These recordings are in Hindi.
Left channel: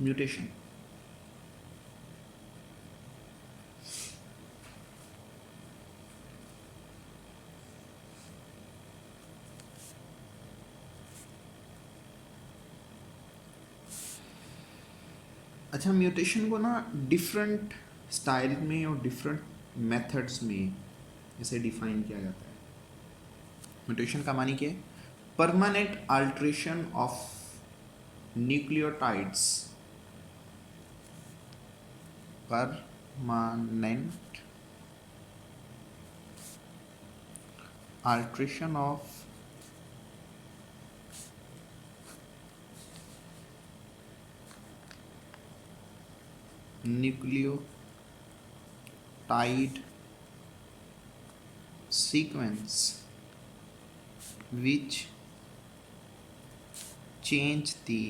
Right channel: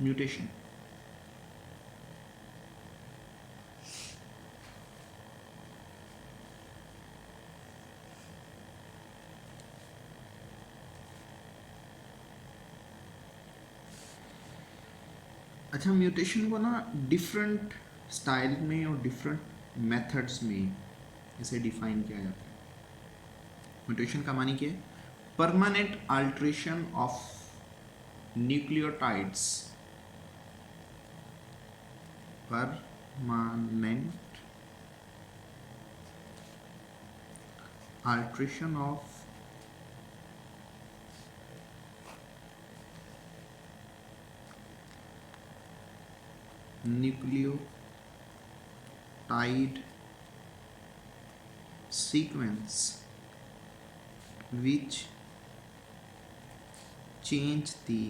म्यूटेशन। अच्छा, म्यूटेशन को ना डिफरेंट स्टाइल में और डिफरेंट मेथड्स में इसे डिफाइन किया जाता है। म्यूटेशन का मानी क्या है? Permanent alteration of nucleotides, permanent alteration of nucleotide sequence which change the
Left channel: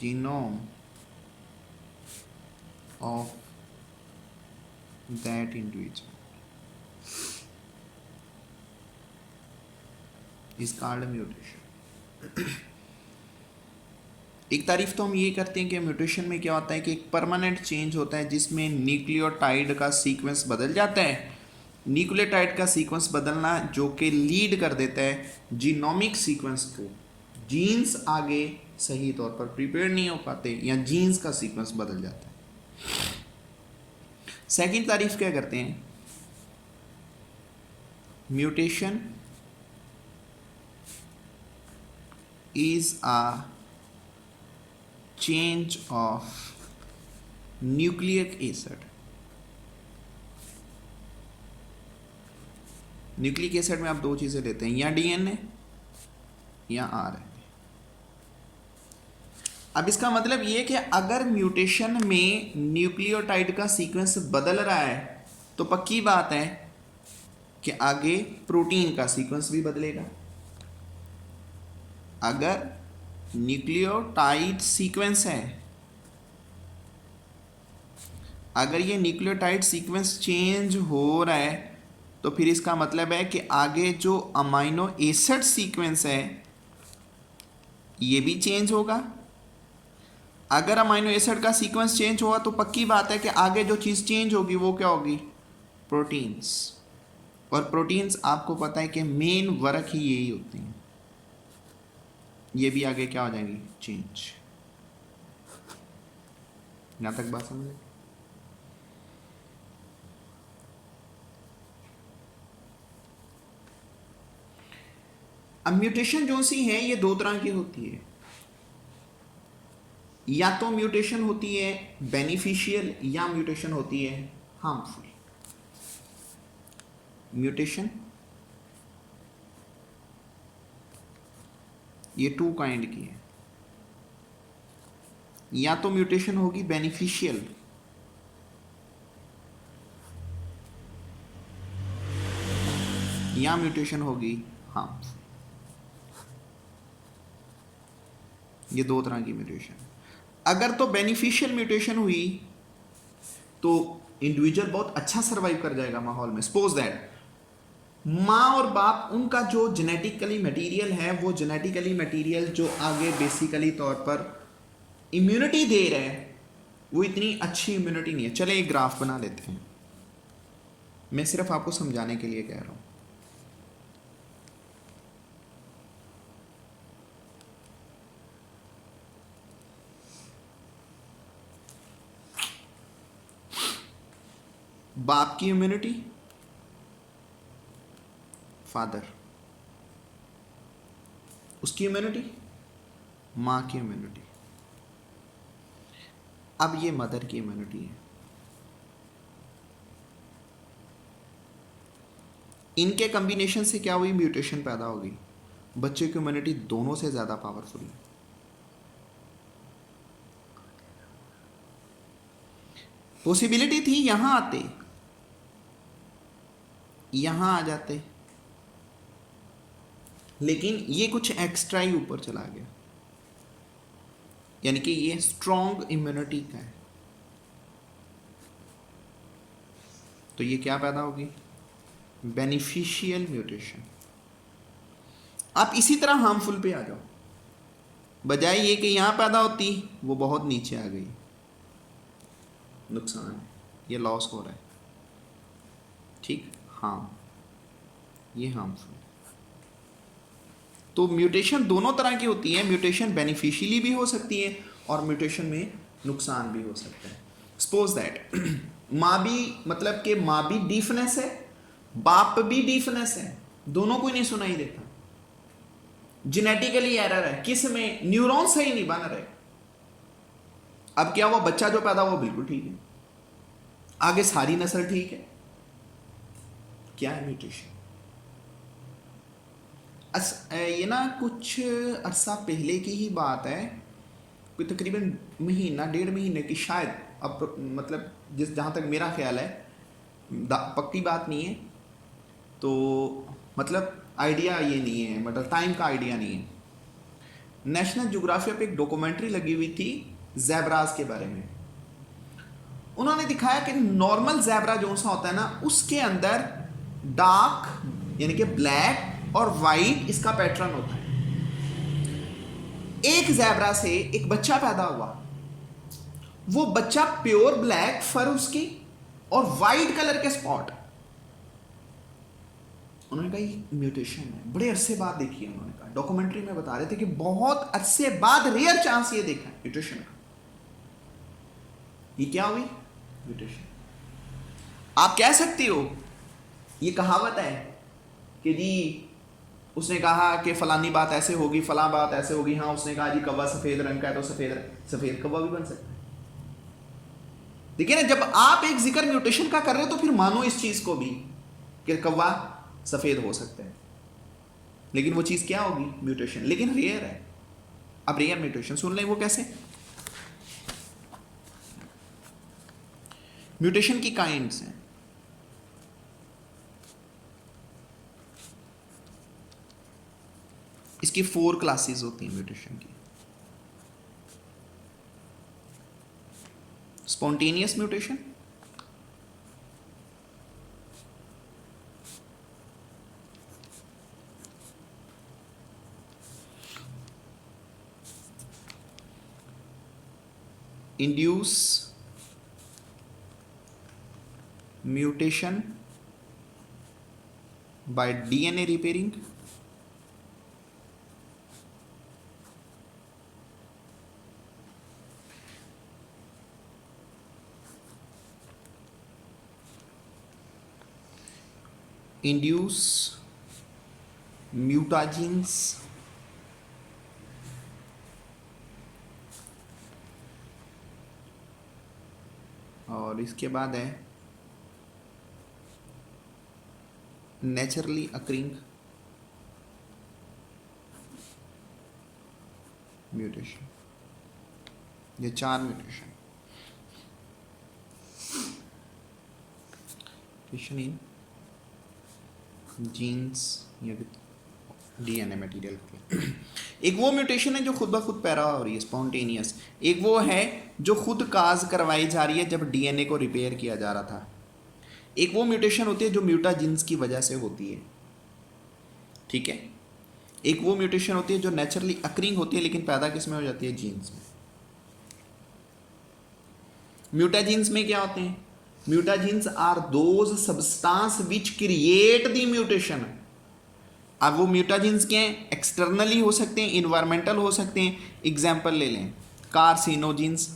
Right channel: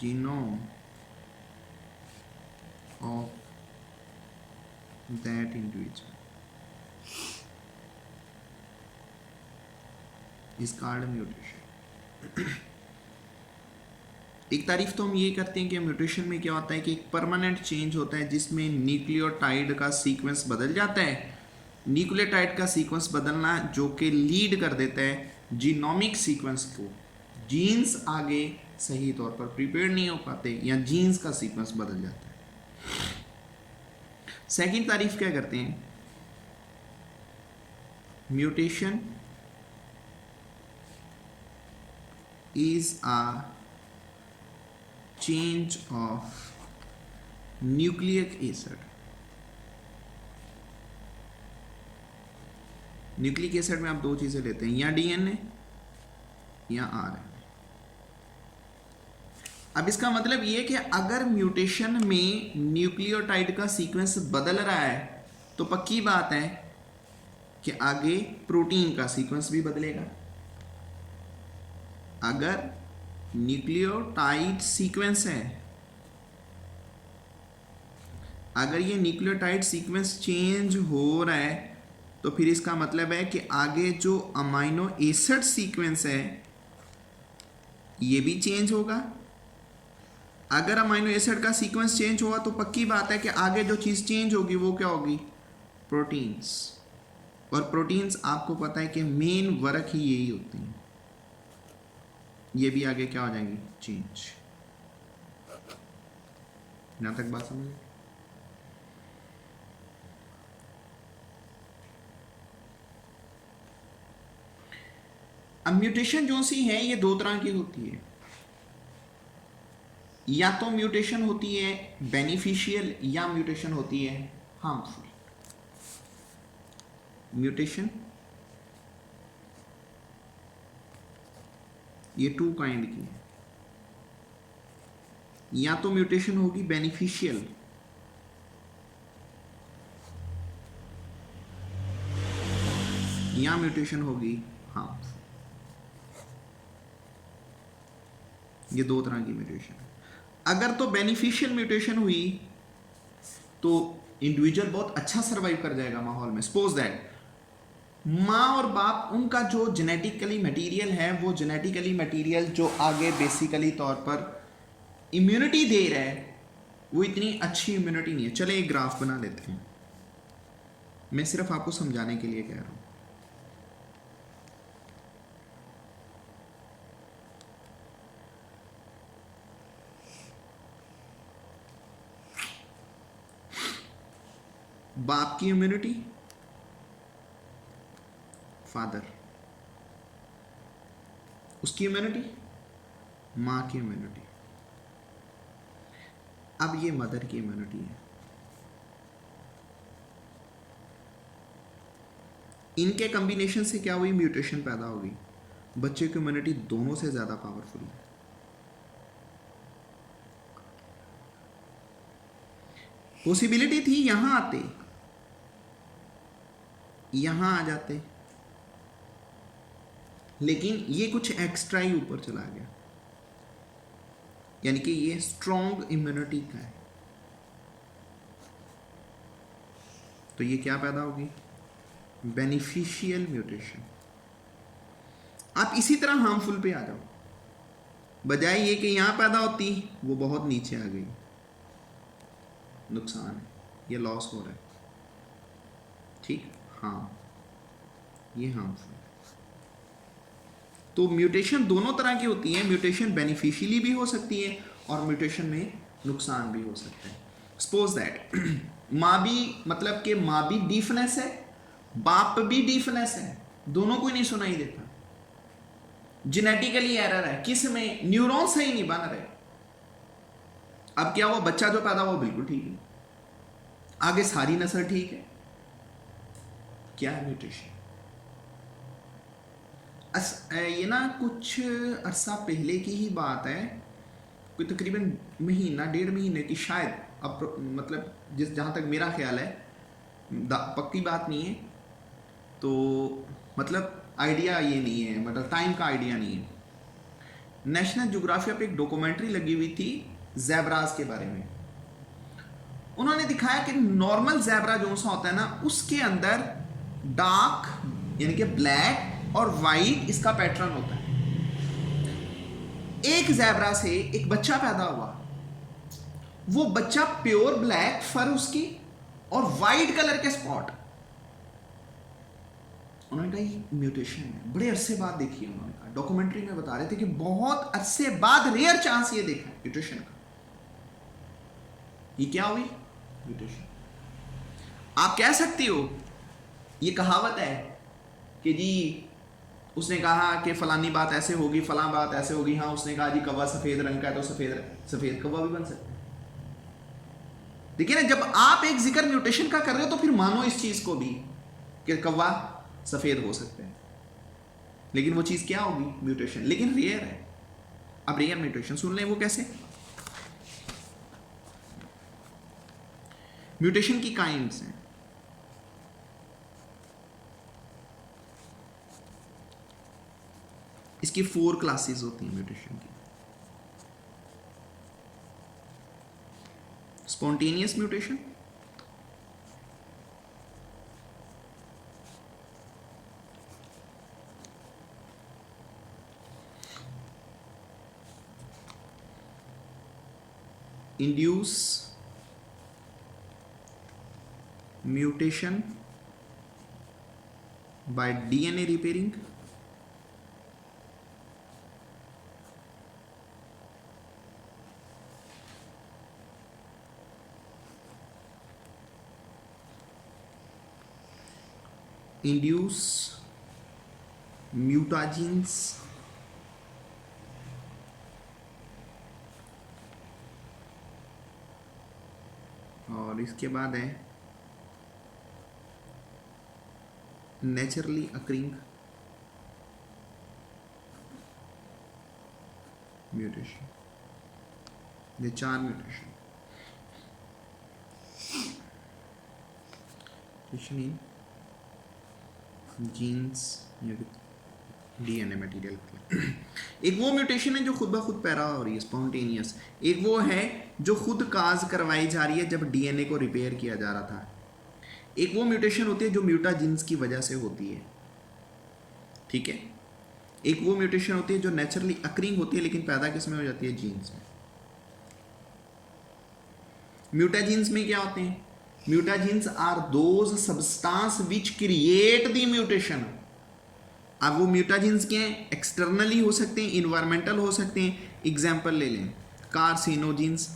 genome of that individual is called mutation। एक तारीफ तो हम ये करते हैं कि म्यूटेशन में क्या होता है कि एक परमानेंट चेंज होता है जिसमें न्यूक्लियोटाइड का सीक्वेंस बदल जाता है। न्यूक्लियोटाइड का सीक्वेंस बदलना जो कि लीड कर देता है जीनोमिक सीक्वेंस को, जीन्स आगे सही तौर पर प्रिपेयर नहीं हो पाते या जीन्स का सीक्वेंस बदल जाता है। सेकंड तारीफ क्या करते हैं? Mutation is a change of nucleic acid. Nucleic acid में आप दो चीजें लेते हैं, या डीएनए या आरएनए। अब इसका मतलब ये कि अगर म्यूटेशन में न्यूक्लियोटाइड का सीक्वेंस बदल रहा है तो पक्की बात है कि आगे प्रोटीन का सीक्वेंस भी बदलेगा। अगर न्यूक्लियोटाइड सीक्वेंस है, अगर ये न्यूक्लियोटाइड सीक्वेंस चेंज हो रहा है तो फिर इसका मतलब है कि आगे जो अमाइनो एसिड सीक्वेंस है ये भी चेंज होगा। अगर अमाइनो एसिड का सीक्वेंस चेंज हुआ तो पक्की बात है कि आगे जो चीज़ चेंज होगी वो क्या होगी? प्रोटीन्स। और प्रोटीन्स आपको पता है कि मेन वर्क ही यही होते हैं, ये भी आगे क्या हो जाएंगी? चेंज। यहां तक बात समझ ली? अब म्यूटेशन जो सी है ये दो तरह की होती है। या तो म्यूटेशन होती है बेनिफिशियल या म्यूटेशन होती है हार्मफुल। म्यूटेशन ये टू काइंड की है। या तो म्यूटेशन होगी बेनिफिशियल या म्यूटेशन होगी हार्मफुल। ये दो तरह की म्यूटेशन है। अगर तो बेनिफिशियल म्यूटेशन हुई तो इंडिविजुअल बहुत अच्छा सरवाइव कर जाएगा माहौल में। सपोज दैट माँ और बाप, उनका जो जेनेटिकली मटेरियल है वो जेनेटिकली मटेरियल जो आगे बेसिकली तौर पर इम्यूनिटी दे रहा है वो इतनी अच्छी इम्यूनिटी नहीं है। चले एक ग्राफ बना लेते हैं, मैं सिर्फ आपको समझाने के लिए कह रहा हूं। बाप की इम्यूनिटी, फादर, उसकी इम्यूनिटी, माँ की इम्यूनिटी। अब ये मदर की इम्यूनिटी है। इनके कॉम्बिनेशन से क्या हुई? म्यूटेशन पैदा होगी। बच्चे की इम्यूनिटी दोनों से ज़्यादा पावरफुल है। पॉसिबिलिटी थी यहां आते, यहां आ जाते, लेकिन ये कुछ एक्स्ट्रा ही ऊपर चला गया, यानी कि ये स्ट्रॉन्ग इम्यूनिटी का है। तो ये क्या पैदा होगी? Beneficial mutation. आप इसी तरह हार्मफुल पे आ जाओ, बजाय ये कि यहां पैदा होती वो बहुत नीचे आ गई, नुकसान है, ये लॉस हो रहा है। ठीक, हाँ ये हार्मफुल। तो म्यूटेशन दोनों तरह की होती है, म्यूटेशन बेनिफिशियली भी हो सकती है और म्यूटेशन में नुकसान भी हो सकता है। सपोज दैट माँ भी, मतलब कि माँ भी डीफनेस है, बाप भी डीफनेस है, दोनों को ही नहीं सुनाई देता, जेनेटिकली एरर है, किस में, न्यूरॉन सही नहीं बन रहे। अब क्या, वो बच्चा जो पैदा वो बिल्कुल ठीक है, आगे सारी नस्ल ठीक है, क्या है म्यूटेशन। ये ना कुछ अरसा पहले की ही बात है, कोई तकरीबन महीना 1.5 महीने की शायद, अब मतलब जिस जहाँ तक मेरा ख्याल है, पक्की बात नहीं है, तो मतलब आइडिया ये नहीं है, मतलब टाइम का आइडिया नहीं है। नेशनल ज्योग्राफिया पे एक डॉक्यूमेंट्री लगी हुई थी ज़ेब्राज के बारे में। उन्होंने दिखाया कि नॉर्मल ज़ेब्रा जो सा होता है ना, उसके अंदर डार्क यानी कि ब्लैक और वाइट इसका पैटर्न होता है। एक ज़ेब्रा से एक बच्चा पैदा हुआ, वो बच्चा प्योर ब्लैक फर उसकी और वाइट कलर के स्पॉट। उन्होंने कहा ये म्यूटेशन है, बड़े अरसे बाद देखी है। उन्होंने कहा डॉक्यूमेंट्री में बता रहे थे कि बहुत अरसे बाद रेयर चांस ये देखा है म्यूटेशन का। ये क्या हुई, म्यूटेशन। आप कह सकते हो, ये कहावत है कि जी उसने कहा कि फलानी बात ऐसे होगी, फलां बात ऐसे होगी, हाँ उसने कहा जी कौवा सफेद रंग का है तो सफेद कौवा भी बन सकता है। देखिए ना, जब आप एक जिक्र म्यूटेशन का कर रहे हो तो फिर मानो इस चीज को भी कि कौवा सफेद हो सकता है, लेकिन वो चीज क्या होगी, म्यूटेशन, लेकिन रेयर है। अब रेयर म्यूटेशन सुन लें, वो कैसे। म्यूटेशन की काइंड्स हैं, इसकी 4 क्लासेस होती हैं म्यूटेशन की। Spontaneous mutation, induce mutation by DNA repairing, induce mutagens और इसके बाद है नेचुरली अकरिंग म्यूटेशन। ये 4 म्यूटेशन इन जीन्स या डीएनए मटेरियल। एक वो म्यूटेशन है जो खुद ब खुद पैदा हो रही है, स्पॉन्टेनियस। एक वो है जो खुद काज करवाई जा रही है जब डीएनए को रिपेयर किया जा रहा था। एक वो म्यूटेशन होती है जो म्यूटाजीन्स की वजह से होती है, ठीक है। एक वो म्यूटेशन होती है जो नेचुरली अकरिंग होती है, लेकिन पैदा किस में हो जाती है, जीन्स में। म्यूटाजीन्स में क्या होते हैं, mutagens are those substance which create the mutation. अब वो म्यूटाजीन्स क्या हैं, एक्सटर्नली हो सकते हैं, इन्वायरमेंटल हो सकते हैं। एग्जाम्पल ले लें, कार्सिनोजीन्स।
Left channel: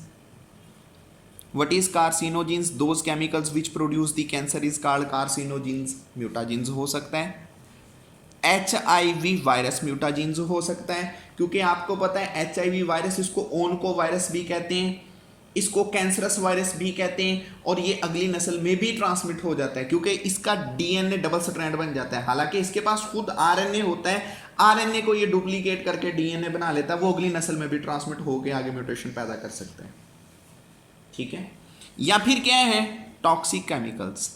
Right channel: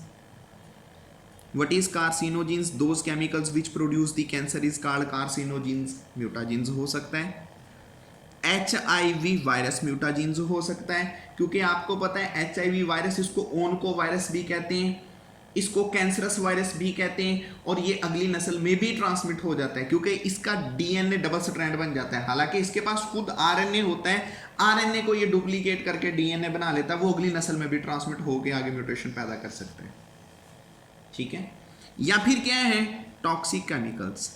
What is carcinogens? Those chemicals which produce the cancer is called carcinogens. म्यूटाजीन्स हो सकता है। HIV वायरस म्यूटाजीन्स हो सकता है, क्योंकि आपको पता है HIV वायरस, इसको ओनको वायरस भी कहते हैं, इसको कैंसरस वायरस भी कहते हैं, और ये अगली नस्ल में भी ट्रांसमिट हो जाता है क्योंकि इसका डीएनए डबल स्ट्रैंड बन जाता है। हालांकि इसके पास खुद आरएनए होता है, आरएनए को ये डुप्लीकेट करके डीएनए बना लेता है, वो अगली नस्ल में भी ट्रांसमिट होकर आगे म्यूटेशन पैदा कर सकते हैं, ठीक है। या फिर क्या है, टॉक्सिक केमिकल्स,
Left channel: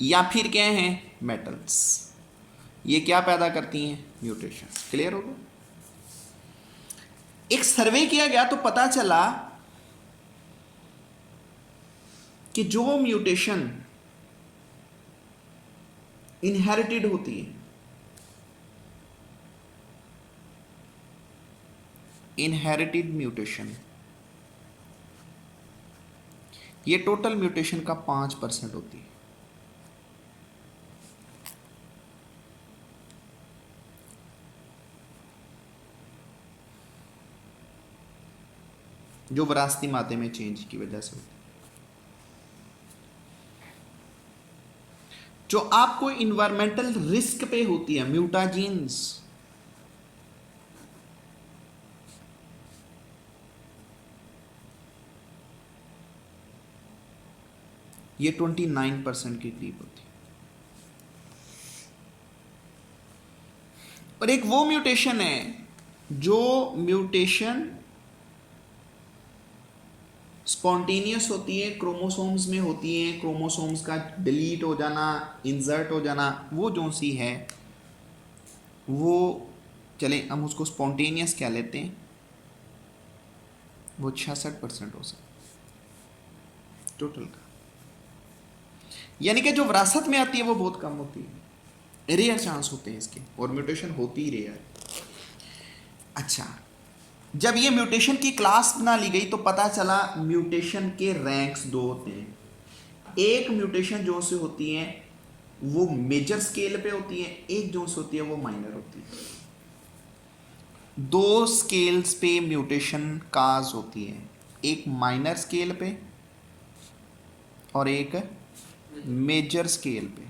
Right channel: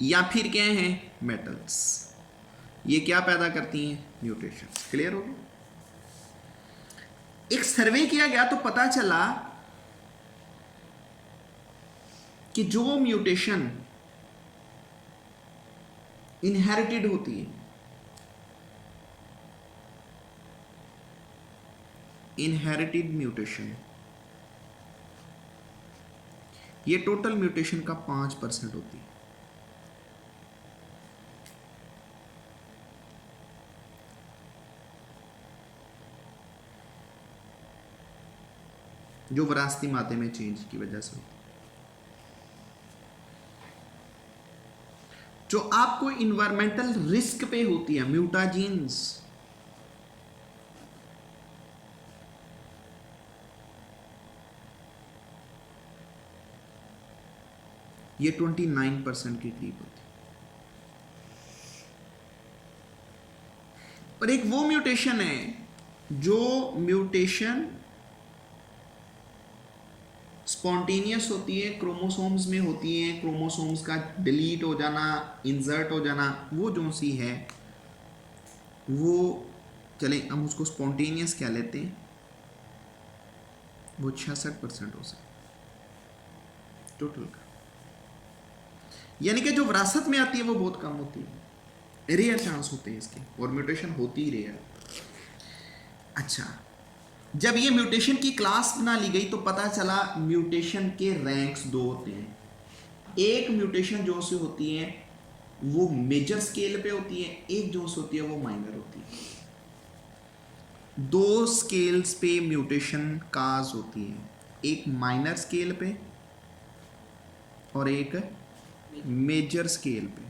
या फिर क्या है, मेटल्स। ये क्या पैदा करती हैं, म्यूटेशन। क्लियर हो गया। एक सर्वे किया गया तो पता चला कि जो म्यूटेशन इनहेरिटेड होती है इनहेरिटेड म्यूटेशन, ये टोटल म्यूटेशन का 5% होती है। जो विरासती मादे में चेंज की वजह से होती है। जो आपको इन्वायरमेंटल रिस्क पे होती है, म्यूटाजीन्स, ये 29% के करीब होती है। और एक वो म्यूटेशन है जो म्यूटेशन स्पॉन्टेनियस होती है, क्रोमोसोम्स में होती है, क्रोमोसोम्स का डिलीट हो जाना, इंसर्ट हो जाना, वो जो सी है वो, चले हम उसको स्पॉन्टेनियस क्या लेते हैं, वो 66% हो सकता टोटल का। यानी कि जो विरासत में आती है वो बहुत कम होती है, रेयर चांस होते हैं इसके, और म्यूटेशन होती ही रेयर। अच्छा, जब ये म्यूटेशन की क्लास बना ली गई तो पता चला म्यूटेशन के रैंक्स दो होते हैं। एक म्यूटेशन जो से होती है वो मेजर स्केल पे होती है, एक जो से होती है वो माइनर होती है। दो स्केल्स पे म्यूटेशन काज होती है, एक माइनर स्केल पे और एक मेजर स्केल पे।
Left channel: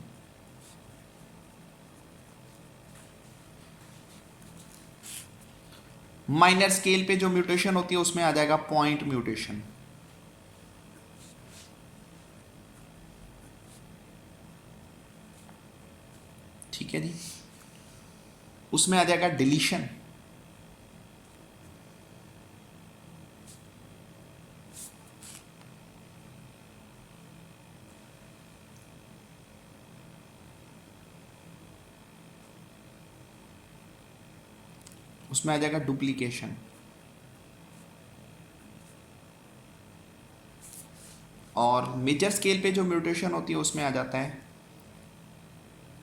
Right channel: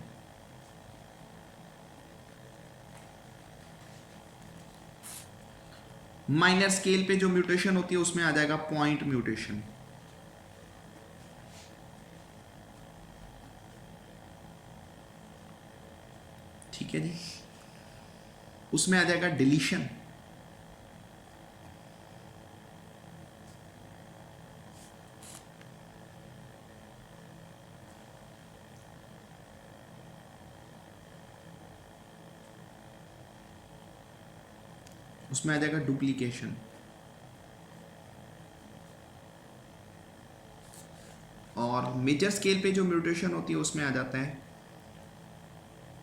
माइनर स्केल पे जो म्यूटेशन होती है उसमें आ जाएगा पॉइंट म्यूटेशन, ठीक है जी। उसमें आ जाएगा डिलीशन, उसमें आ जाएगा डुप्लीकेशन, और मेजर स्केल पे जो म्यूटेशन होती है उसमें आ जाता है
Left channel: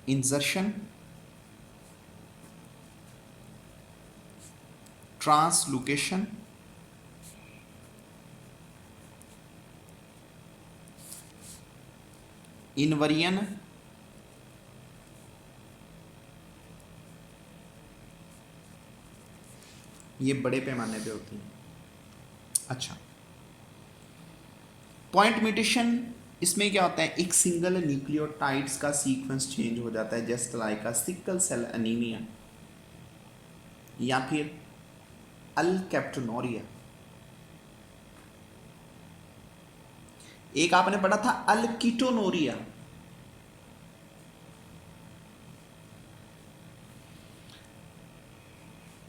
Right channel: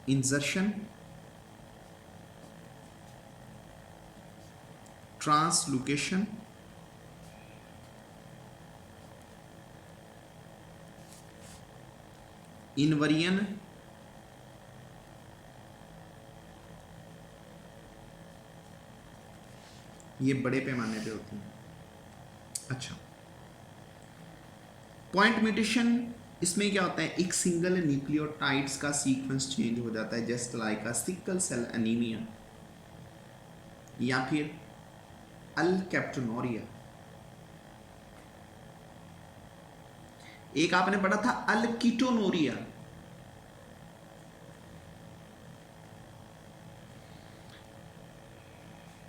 इंसर्शन, ट्रांसलोकेशन, इनवरियन, ये बड़े पैमाने पे होती हैं। अच्छा, पॉइंट म्यूटेशन इसमें क्या होता है, एक सिंगल न्यूक्लियोटाइड्स का सीक्वेंस चेंज हो जाता है, just like a sickle cell anaemia या फिर अल्केप्टोनोरिया। एक आपने पढ़ा था अल्कीटोनोरिया,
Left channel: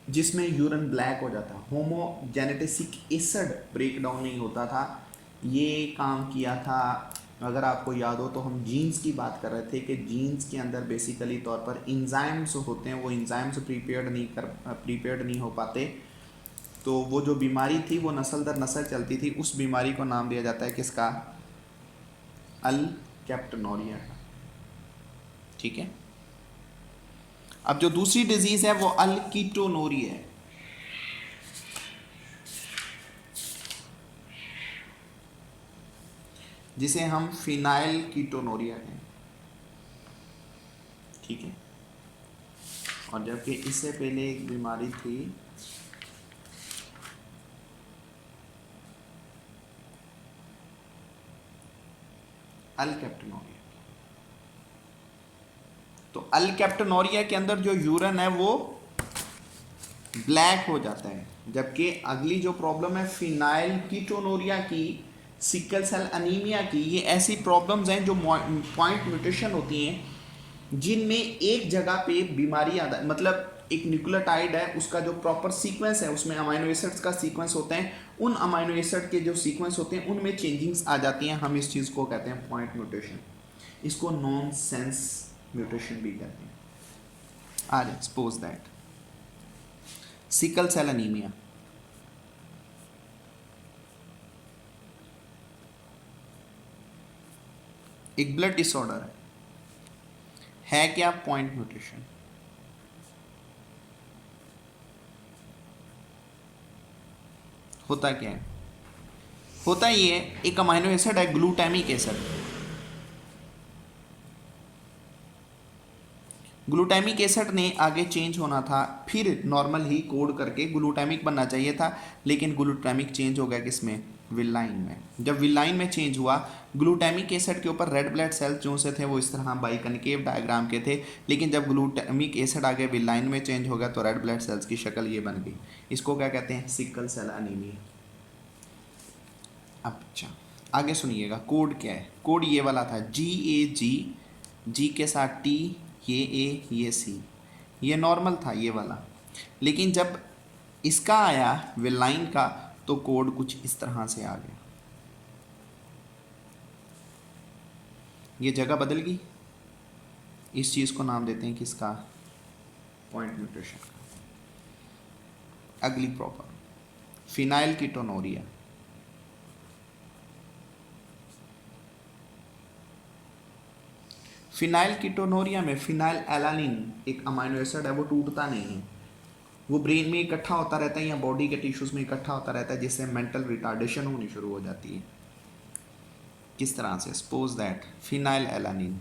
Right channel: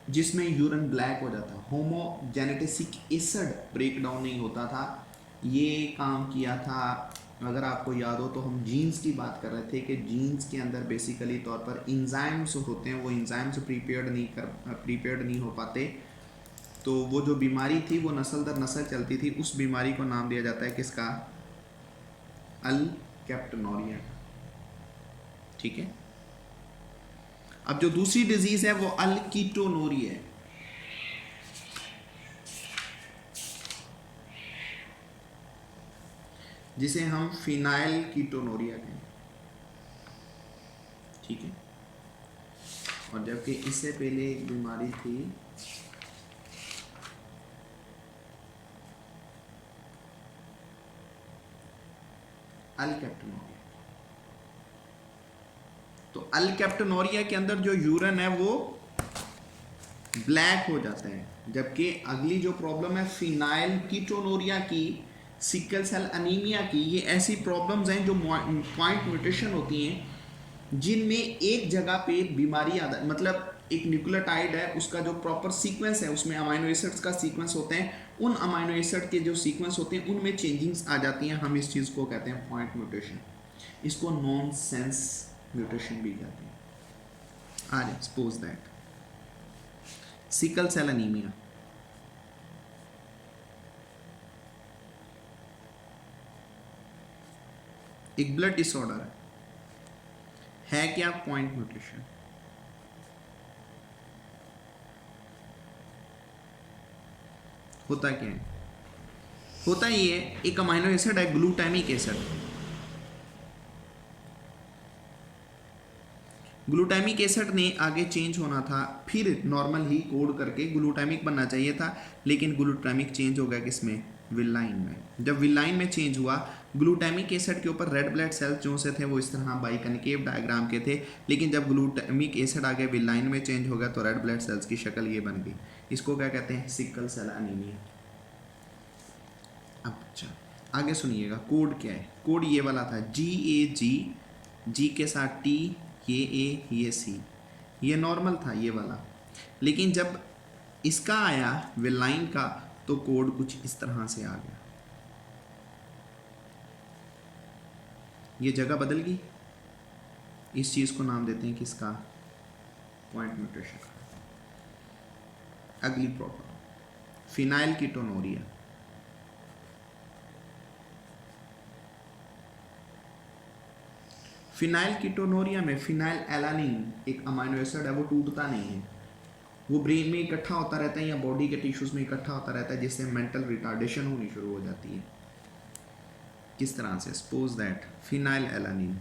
जिसमें यूरिन ब्लैक हो जाता, होमोजेनेटिक एसिड ब्रेक डाउन नहीं होता था। ये काम किया था, अगर आपको याद हो तो हम जीन्स की बात कर रहे थे कि जीन्स के अंदर बेसिकली तौर पर इंजाइम्स होते हैं, वो इंजाइम्स प्रीपेयर्ड नहीं हो पाते, तो वो जो बीमारी थी वो नस्ल दर नस्ल चलती थी। उस बीमारी को नाम दिया जाता है किसका, अल्केप्टोनोरिया का, ठीक है। अब जो दूसरी डिजीज है वो अल्कीटोनोरिया है, जिसे हम फिनाइल कीटोनोरिया कहें, ठीक है। और जबकि इससे पहले एक बीमारी थी अल्केप्टोनोरिया। तो अल्केप्टोनोरिया के अंदर जो यूरिन है वो ब्लैक हो जाता है, जबकि अगली जो प्रॉब्लम है फिनाइल कीटोनोरिया की, सिकल सेल अनीमिया की, ये ऐसी प्रॉब्लम्स हैं जो पॉइंट म्यूटेशन होती हैं जिनमें एक जगह पे बीमारी आता है, मतलब एक न्यूक्लियोटाइड है उसका जो प्रॉपर सीक्वेंस है उसमें अमाइनो एसिड्स का सीक्वेंस होते हैं, उन अमाइनो एसिड के जो सीक्वेंस होते हैं उनमें चेंजिंग्स आ जाती हैं, हम इस चीज़ को कहते हैं पॉइंट म्यूटेशन। इसको नॉन सेंस म्यूटेशन भी कहते हैं। आज suppose that sickle cell anaemia, एक ब्लड डिसऑर्डर है क्या, पॉइंट म्यूटेशन। होता क्या है, होता ये है, एक अमाइनो एसिड है ग्लूटामिक एसिड। ग्लूटामिक एसिड ने आगे चेंज होना था, फिर नॉर्मल ही कोड करके ग्लूटामिक बनना चाहिए था, लेकिन ग्लूटामिक चेंज हो गया किसमें, विलाइन में। जब विलाइन में चेंज हुआ, ग्लूटामिक एसिड के ऊपर रेड ब्लड सेल्स जो से थे वो इस तरह बाइकनकेव डायग्राम के थे, लेकिन जब ग्लूटामिक एसिड आगे विलाइन में चेंज हो गया तो रेड ब्लड सेल्स की शक्ल ये बन गई। इसको क्या कहते हैं, सिकल सेल एनीमिया। अच्छा आगे सुनिएगा, कोड क्या है, कोड ये वाला था GAG, जी के साथ T, ये A, ये C, ये नॉर्मल था ये वाला। लेकिन जब इसका आया विलाइन का तो कोड कुछ इस तरह से आ गया, ये जगह बदल गई। इस चीज़ को नाम देते हैं किसका, पॉइंट म्यूटेशन का। अगली problem, phenyl ketonuria. Phenyl ketonuria में फिनाइल एलानिन एक अमाइनो एसिड है, वो टूटता नहीं है, वो ब्रेन में इकट्ठा होता रहता है या बॉडी के टिश्यूज में इकट्ठा होता रहता है, जिससे मेंटल रिटार्डेशन होनी शुरू हो जाती है। किस तरह से, सपोज दैट फिनाइल एलानिन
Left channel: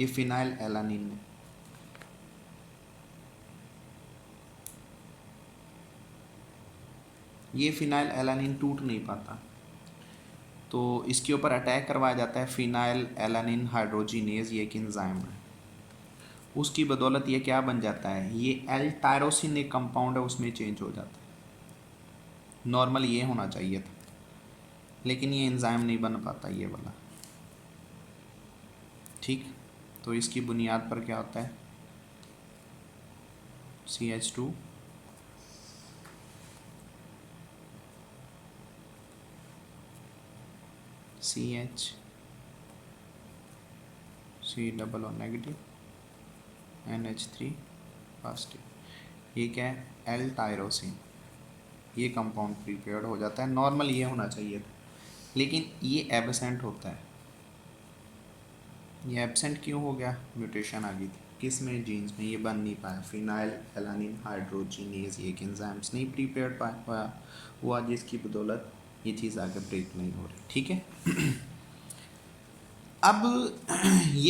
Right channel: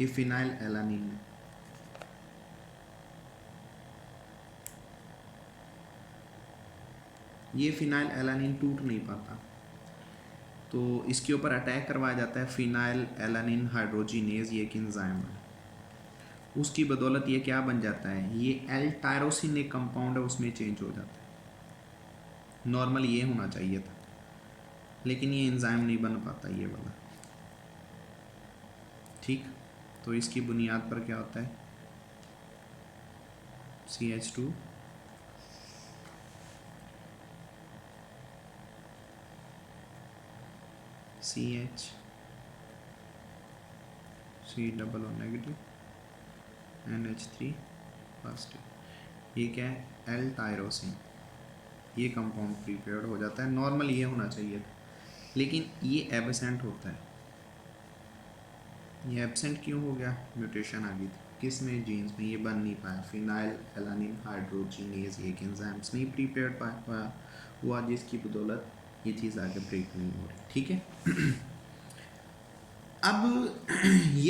ये फिनाइल एलानिन है, ये फिनाइल एलानिन टूट नहीं पाता, तो इसके ऊपर अटैक करवाया जाता है फिनाइल एलानिन हाइड्रोजिनेज, ये एक एंजाइम है। उसकी बदौलत ये क्या बन जाता है, ये एल टायरोसिन एक कंपाउंड है उसमें चेंज हो जाता है। नॉर्मल ये होना चाहिए था, लेकिन ये एंजाइम नहीं बन पाता ये वाला। ठीक, तो इसकी बुनियाद पर क्या होता है, CH2 CH C double O negative NH3 positive, ये क्या है, एल टायरोसिन, ये कंपाउंड प्रिपेयर्ड हो जाता है। नॉर्मल ये होना चाहिए था, लेकिन ये एबसेंट होता है। ये एबसेंट क्यों हो गया, म्यूटेशन आ गई थी किस में, जीन्स में, ये बन नहीं पाया। फिनाइल एलानिन हाइड्रोजिनेज ये एंजाइम्स नहीं प्रिपेयर्ड पाया हुआ, जिसकी बदौलत ये चीज़ आगे ब्रेक नहीं हो रही। ठीक है अब ये